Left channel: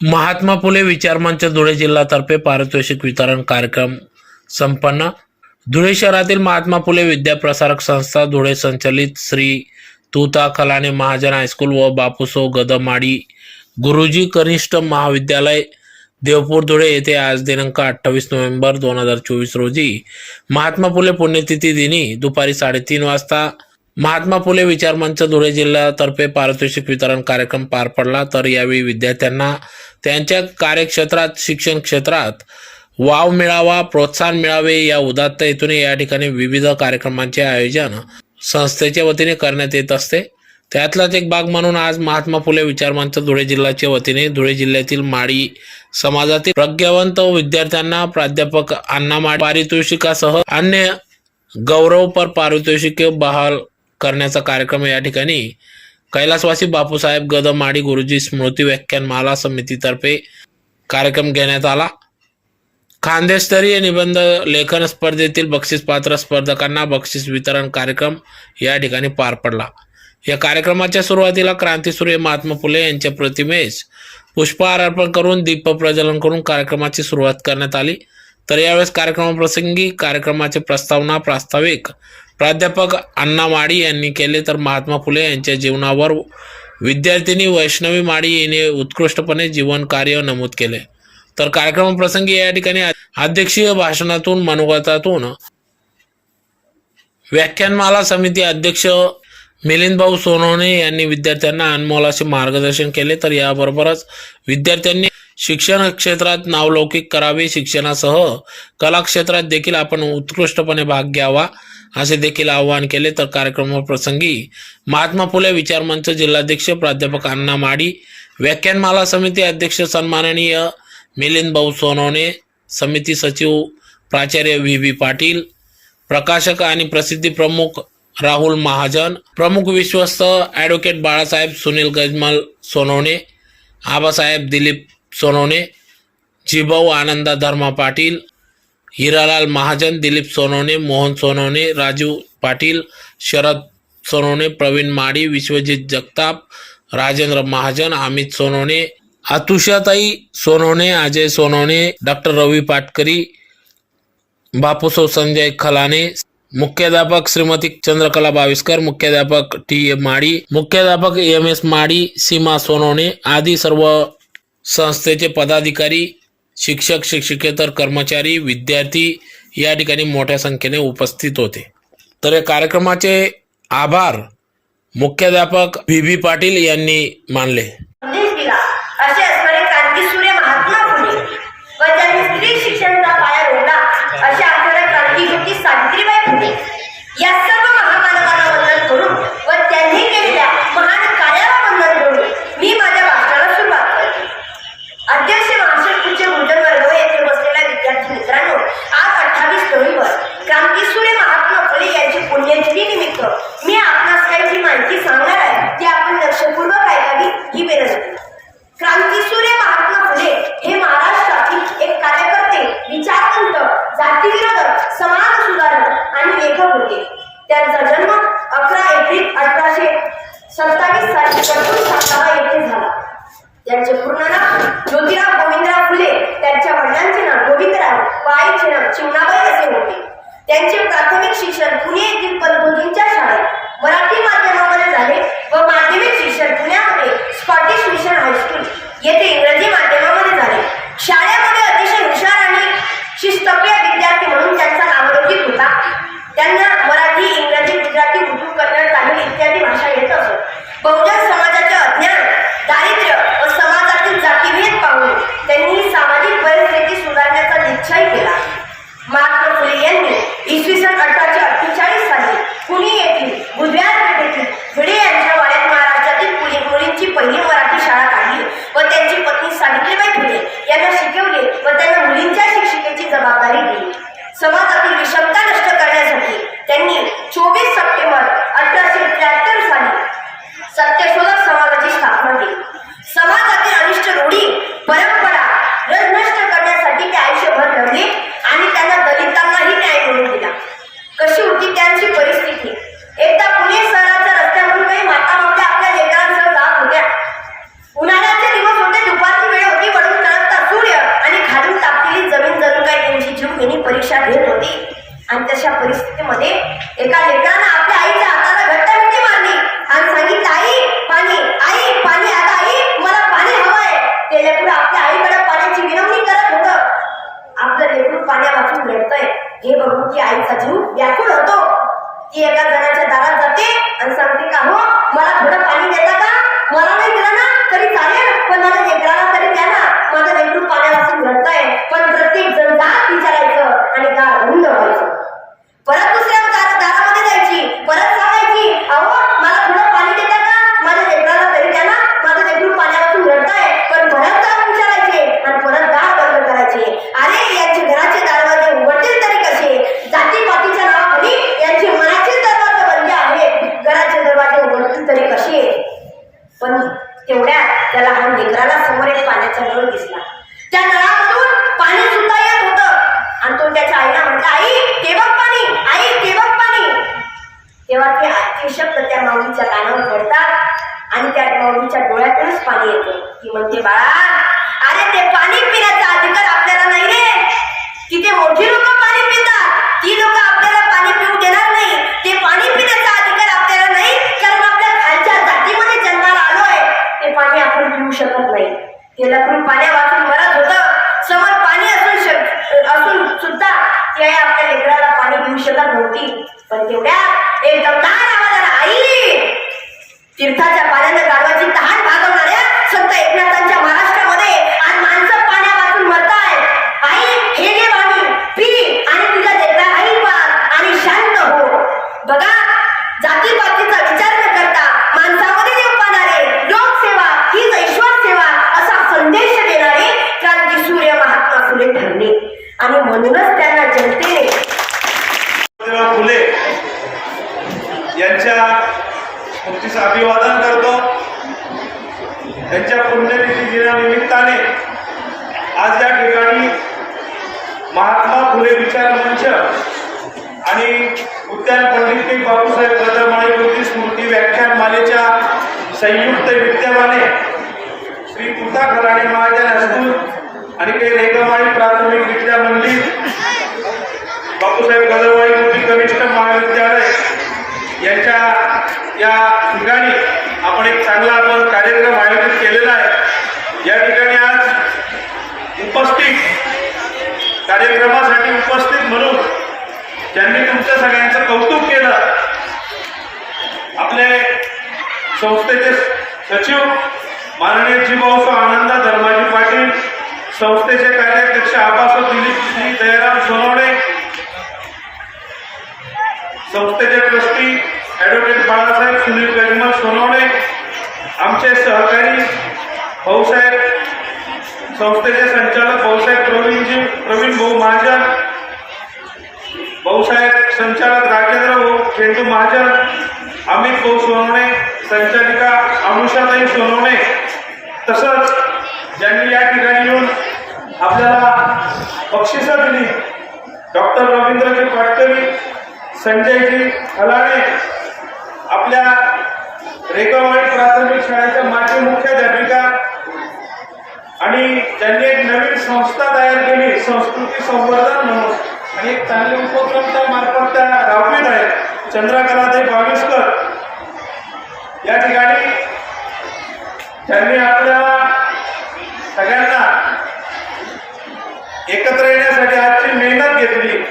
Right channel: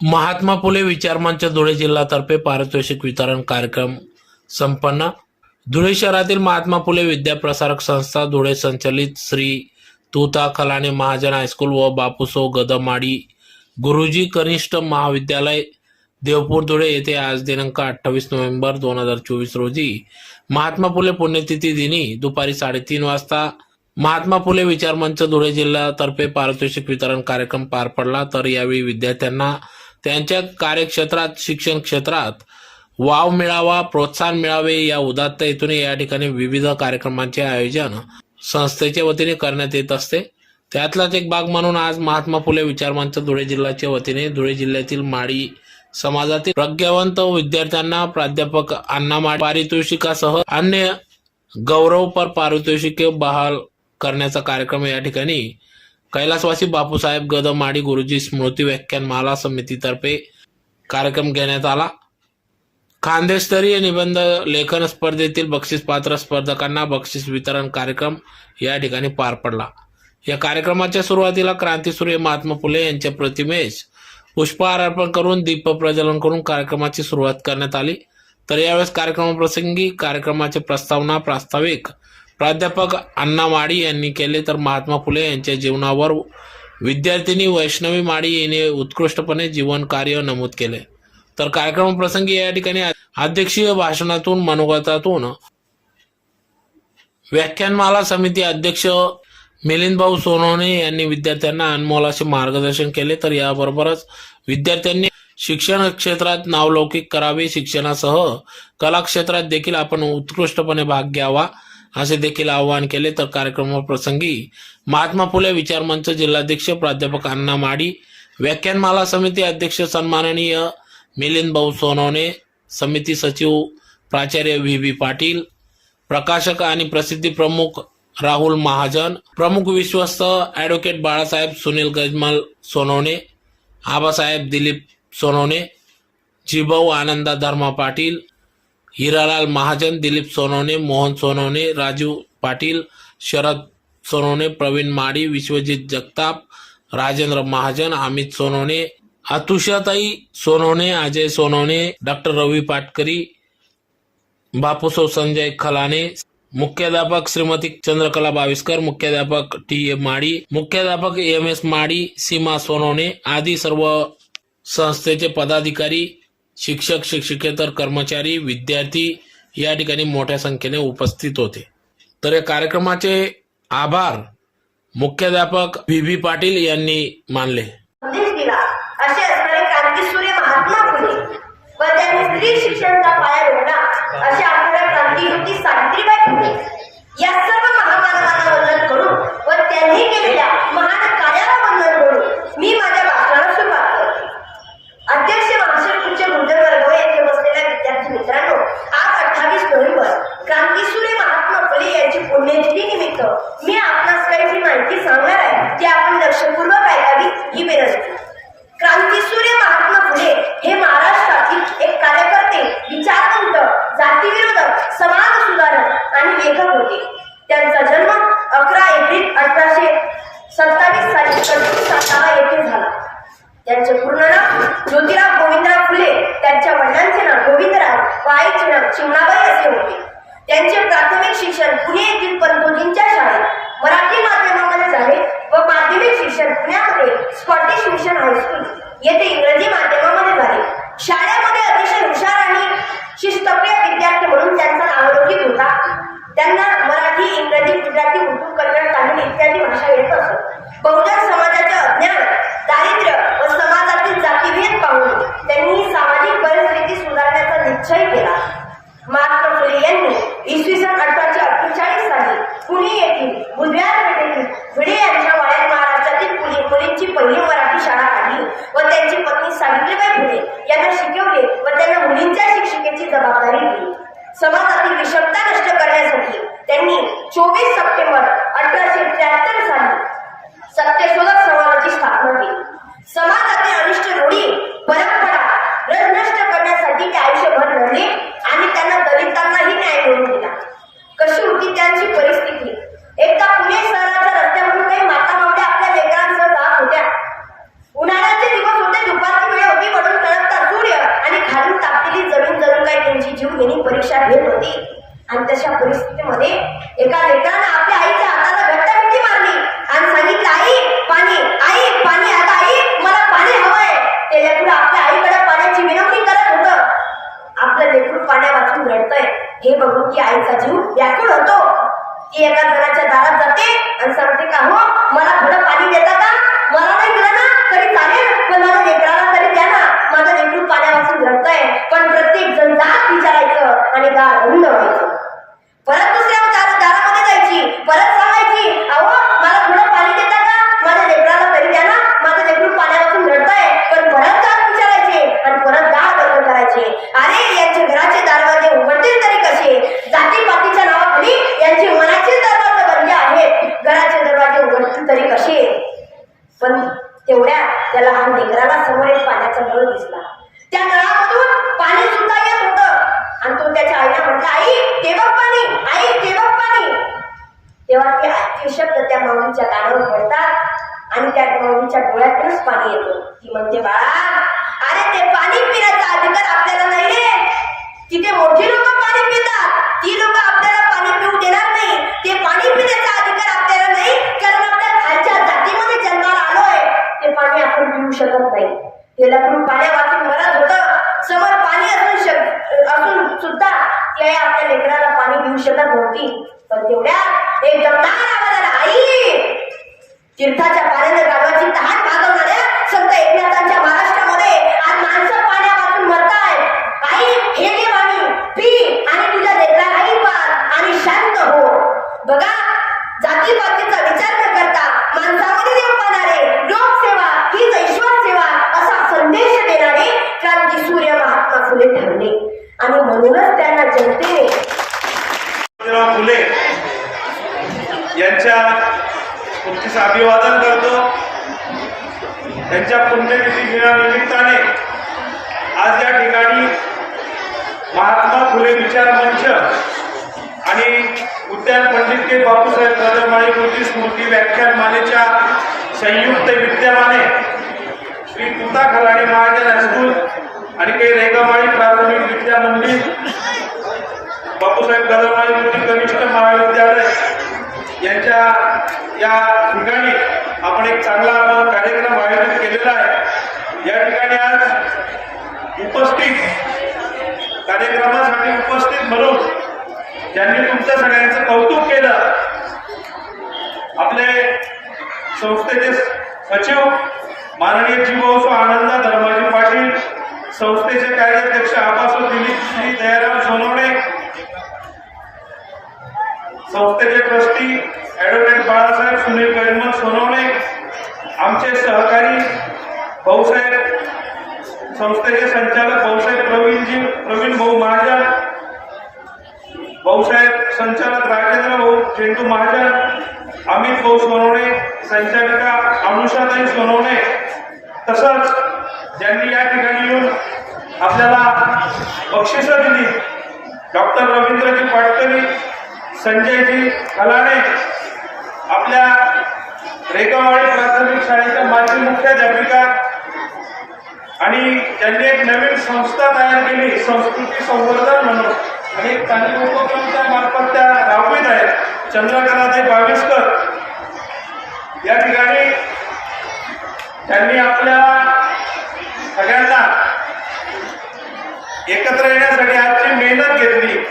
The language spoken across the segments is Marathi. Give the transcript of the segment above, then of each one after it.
महात्मा फुले विचारमंच धुळे जिल्हातर्फे पारितोषिक वितरण कार्यक्रम संपन्न. धुळे शहरातील महात्मा फुले विद्याप्रसारक संस्था धुळे संचलित श्री तुता कलाने महाजन हायस्कूल व बापूसो गदमाडी गुरुजी कनिष्ठ महाविद्यालय देवपूर धुळे येथे आज दिनांक अठ्ठावीस नोव्हेंबर दोन हजार चोवीस रोजी महात्मा फुले पुण्यतिथी दिनी दुपारी साडेतीन वाजता महात्मा फुले विचारमंच धुळे जिल्ह्यातर्फे पारितोषिक वितरण कार्यक्रम पार पडला. तर यावेळी विद्यार्थ्यांना त्यांच्या कार्यक्षेत्रात शिक्षण क्षेत्रात वाव मिळावा प्रोत्साहन मिळावे या उदात्त हेतूने या ठिकाणी विविध कार्यक्रमांचे आयोजन संस्थेच्या वतीने करण्यात येत असते. त्यातलाच एक भाग म्हणून आज महात्मा फुले विचारमंच धुळे जिल्ह्याच्या वतीने धुळे जिल्ह्यातील माडी समाजातील प्रज्ञावंत विद्यार्थ्यांना प्राध्यापक अण्णा पारितोषिकासह अन्य गौरवपर पारितोषिके बहाल करण्याचा कार्यक्रम या ठिकाणी कैलासवासी बापूसाहेब गदमाडी गुरुजी स्मृती व्याख्यानमाला समितीतर्फे कार्यक्रम घेण्यात आला. खानदेशस्तरीय निबंध लेखन स्पर्धेतील बक्षीसपात्र स्पर्धकांना बक्षीस वितरण कार्यक्रम या ठिकाणी पार पडला. या कार्यक्रमाच्या सुरुवातीला क्रांतीसूर्य महात्मा फुले यांच्या प्रतिमेस पुष्पहार अर्पण करून दीप प्रज्वलन करून कार्यक्रमाची सुरुवात करण्यात आली. तर यावेळेस कार्यक्रमाप्रसंगी कार्यक्रमाचे प्रस्तावना प्रास्ताविक प्राध्यापक अण्णा माडी यांनी केले तर महात्मा फुले यांच्या जीवनावर विद्यार्थिनी वैष्णवी माडी यांनी उत्कृष्टपणे जीवन कार्य नमूद केले. तर कार्यक्रमाप्रसंगी या ठिकाणी अध्यक्षीय भाषणातून मनोगतातून व्याख्यानमाला समिती अध्यक्ष मिलिंद भाऊ सोनवणे यांनी विद्यार्थ्यांना अनमोल असे मार्गदर्शन केले. तर याबरोबरच विद्यार्थ्यांनी शिक्षण क्षेत्रात नावलौकिक करावे शिक्षणासह कला क्षेत्रात देखील आपण उत्कृष्टपणे भाग घ्यावा. असे देखील आवाहन केले तर कार्यक्रमाप्रसंगी महात्मा फुले विचारमंच जिल्हाध्यक्ष प्राध्यापक अण्णा माडी व्याख्यानमाला समिती अध्यक्ष सन्माननीय मिलिंद भाऊ सोनवणे समिती सचिव प्राचार्य व्ही बी पाटील प्रकाशक आणि प्रसिद्धी प्रमुख राहुल महाजन प्रमुख विश्वस्त ॲडव्होकेट बाळासाहेब सुनील गजमल सोनवणे आबासाहेब दिलीप सोनवणे जिभाऊ आनंदा धर्मा पाटील हिरालाल महाजन दिलीप सोनवणे मोहन सोनवणे राजू पाटील शरद सोनवणे प्रवीण माडी विश्वजित जगताप राजेंद्र महाजन अमित सोनवणे अतुषाताई सोनवणे अजय सोनवणे डॉक्टर रवी पाटकरी बापूसो संजय खलाने मुख्याध्यापक श्रीमती चंद्रकला बाविस्कर मुख्याध्यापक टी ए माडी मुख्याध्यापक एम एस माडी सीमा सोनवणे आदी सर्व संस्थेचे पदाधिकारी शिक्षक शिक्षकेतर कर्मचारी विद्यार्थी या ठिकाणी मोठ्या संख्येने उपस्थित होते. तर या कार्यक्रमाचे आभार मुख्याध्यापक व्ही बी पाटील यांनी मानले. त्यांचे प्राथमिक शिक्षण पुणे येथील पंतोजींच्या शाळेत. मराठी माध्यमामध्ये झाले व माध्यमिक शिक्षण पुण्यामध्ये स्कॉटिश मिशन हायस्कूल येथे इंग्रजी माध्यमामध्ये झाले. शाळेमध्ये अतिशय हुशार आणि शिस्तप्रिय विद्यार्थी म्हणून त्यांचा नावलौकिक होता. त्यांना मराठी इंग्रजी गुजराती उर्दू कन्नड तामिळ इत्यादी भाषा येत असत. बहुजन समाज हे बघून की आईचा जीव व्याकुळ होतो. ती एका जणाच्या दारात जाते आणि सांगते का हो मला थोडं पाणी देता का? मला नाही दिला ना तरी चालेल. पण माझ्या लेकराला तरी द्या ना. माझा लेकरू पाण्यापासून घडतंय. पण प्रत्येक जण जात विचारायचं आणि दार होऊन व्हायचं तेवढ्यात त्याला हा लेकराला समोर एक पाण्याचा नळ दिसला. त्या नळामधून पाणी सुद्धा येत होतं. आणि तो त्याच्या आईला म्हटला आई ते बघ पाणी आई ते बघ पाणी. तेव्हा ते आजचे शब्द त्या माऊलीच्या कानावर पडतात आणि त्या माऊलीच्या डोळ्यातूनच पाणी येतं. ती म्हणते बाळा अरे ते पाणी पिण्याचा अधिकार आपल्याला नाही रे. तिथे मोठी लोक पाणी पितात ती लोक आपल्याला पाणी पिऊ देणार नाही ते पाणी पिण्याचा अधिकार आपल्याला नाही कारण आपल्या खालच्या जातीमध्ये जन्माला आलोय ते पाणी आपण पिऊ शकत नाही ते पाण्या वाचून मरत होत. समोर पाणी असून शक असून सुद्धा ती आई आपल्या लेकराला पाणी पिऊ शकत नव्हती. पण तेवढ्या एकदम लहान आवाजाला आई! तीर्थाच्या पाण्यानं गावाची तहान भागवणाऱ्या संत एकनाथांच्या महाराष्ट्रामध्ये आज माणसं पाण्या वाचून मरताय आई हे घे पाणी पी आणि तुझ्या लेकरालाही पार आणि शांत हो बघा जातीपातीचा विचार न करता माणसामध्ये देव पाहणारे लोकसेवा हीच ईश्वर सेवा असा संदेश देणारे क्रांती सूर्य महात्मा फुले ठरले आणि म्हणूनच त्यांना जनतेने फुले यांच्या स्मृतीचं अभिवादन करतो. त्यांच्या पुण्यतिथी दिनानिमित्ताने आज या ठिकाणी महात्मा फुले विचार मंच आणि उद्यान पंडित के बापूसाहेब कदरमाळी कृती स्मृती व्याख्यान मालेच्या संयुक्त विद्यमाने श्री कृता खराडे महाजन हायस्कूल आणि काही रेगामाळी प्राथमिक विद्या मंदिर बापूसाहेब गदरवाई मोठी कनिष्ठ महाविद्यालय. यांच्या या ठिकाणी आपण एक चांगला आपण कार्यक्रम आयोजित केलेला आहे. या ठिकाणी आज उपस्थित कार्यक्रमासाठी उपस्थित म्हणून ज्यांनी तुमच्या सगळ्यांचं कौतुक केलं आपले संस्थेचे सचिव माननीय जीव संस्थेचे कार्याध्यक्ष आबासाहेब दिलीप श्री दयाराम सोनवणे संस्थेचे ट्रस्टी ॲडव्होकेट बाळासाहेब सुनील गजमल सोनवणे आमचे सहकारी भाऊसाहेब संस्थेचे संचालक भाऊसाहेब प्रवीणजी प्रवीण भाऊ महाजन भाऊसाहेब संचालक राजेंद्र भाऊ चेंडू महाजन अमित भाऊ सोनवणे संचालिका अनुषाताई सोनवणे तसंच ज्यांनी या ठिकाणी येऊन आपल्याला बक्षिसं दिली डॉक्टर रवींद्रजी संजयजी खलाणे आपल्या रेगावाडी प्राथमिक शाळेच्या माजी मुख्याध्यापिका आणि त्यांनी एक नवीन संस्था तयार केली संस्कृती संवर्धन म्हणून. आणि एक चांगले उपक्रम त्या मार्फत त्या राबवित आहेत चंद्रकलाताई बाविस्कर. या ठिकाणी त्यांनी आपल्याला सगळ्यांना एकत्र येण्यासाठी आजची मेहनत घेतली.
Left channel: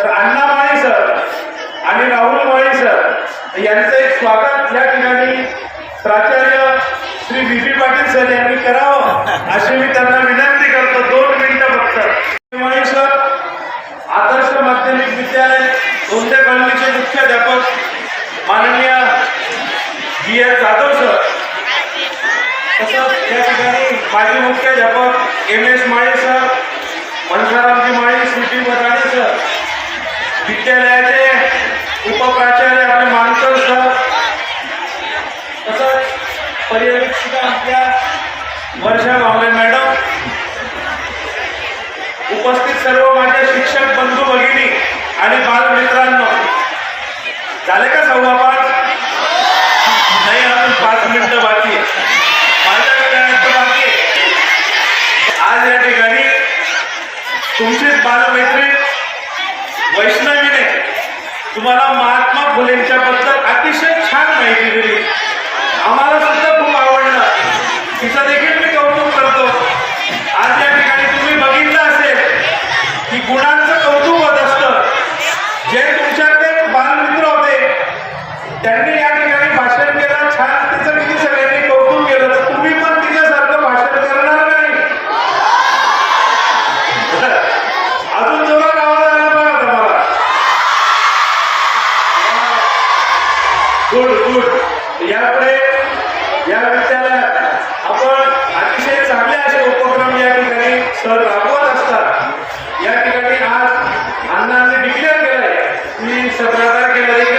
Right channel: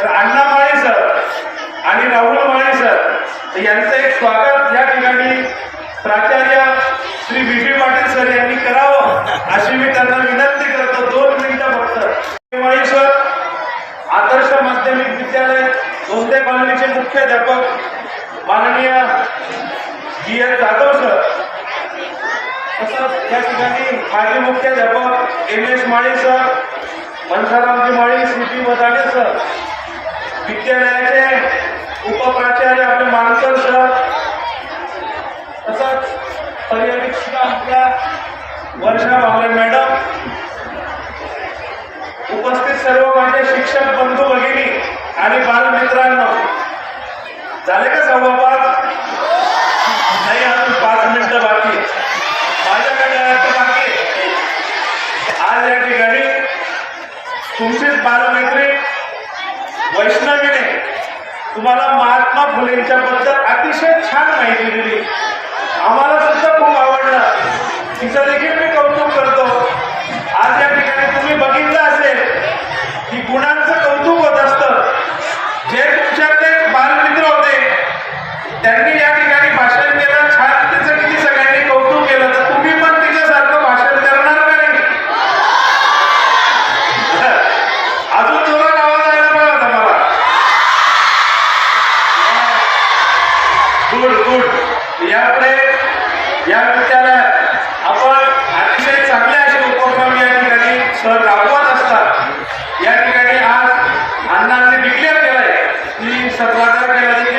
तर अण्णा माळी सर आणि राहुल माळी सर. यांचं एक स्वागत या ठिकाणी प्राचार्य Shri B P Patil sir यांनी करावं अशी मी त्यांना विनंती करतो. दोन मिनिटं फक्त. माळी सर आदर्श माध्यमिक विद्यालय गोंदे कॉलनीचे मुख्याध्यापक माननीय बी एस जाधव सर. तसंच या ठिकाणी माजी मुख्याध्यापक M S Mali sir Mansaramji Mali C P Madane sir. विद्यालयाचे उपप्राचार्य आपले मानकर सर तसंच पर्यवेक्षिका आपल्या वर्षा भावले मॅडम उपस्थित सर्व माझे शिक्षक बंधू माहिती दिली आम्हाला सुद्धा खूप आवडलं. तिचं देखील मी कौतुक करतो. आज या ठिकाणी तुम्ही बघितलं असेल की गुणांचं कौतुक होत असतं. जे तुमच्याकडे बालमित्र होते त्यांनी या ठिकाणी galera que era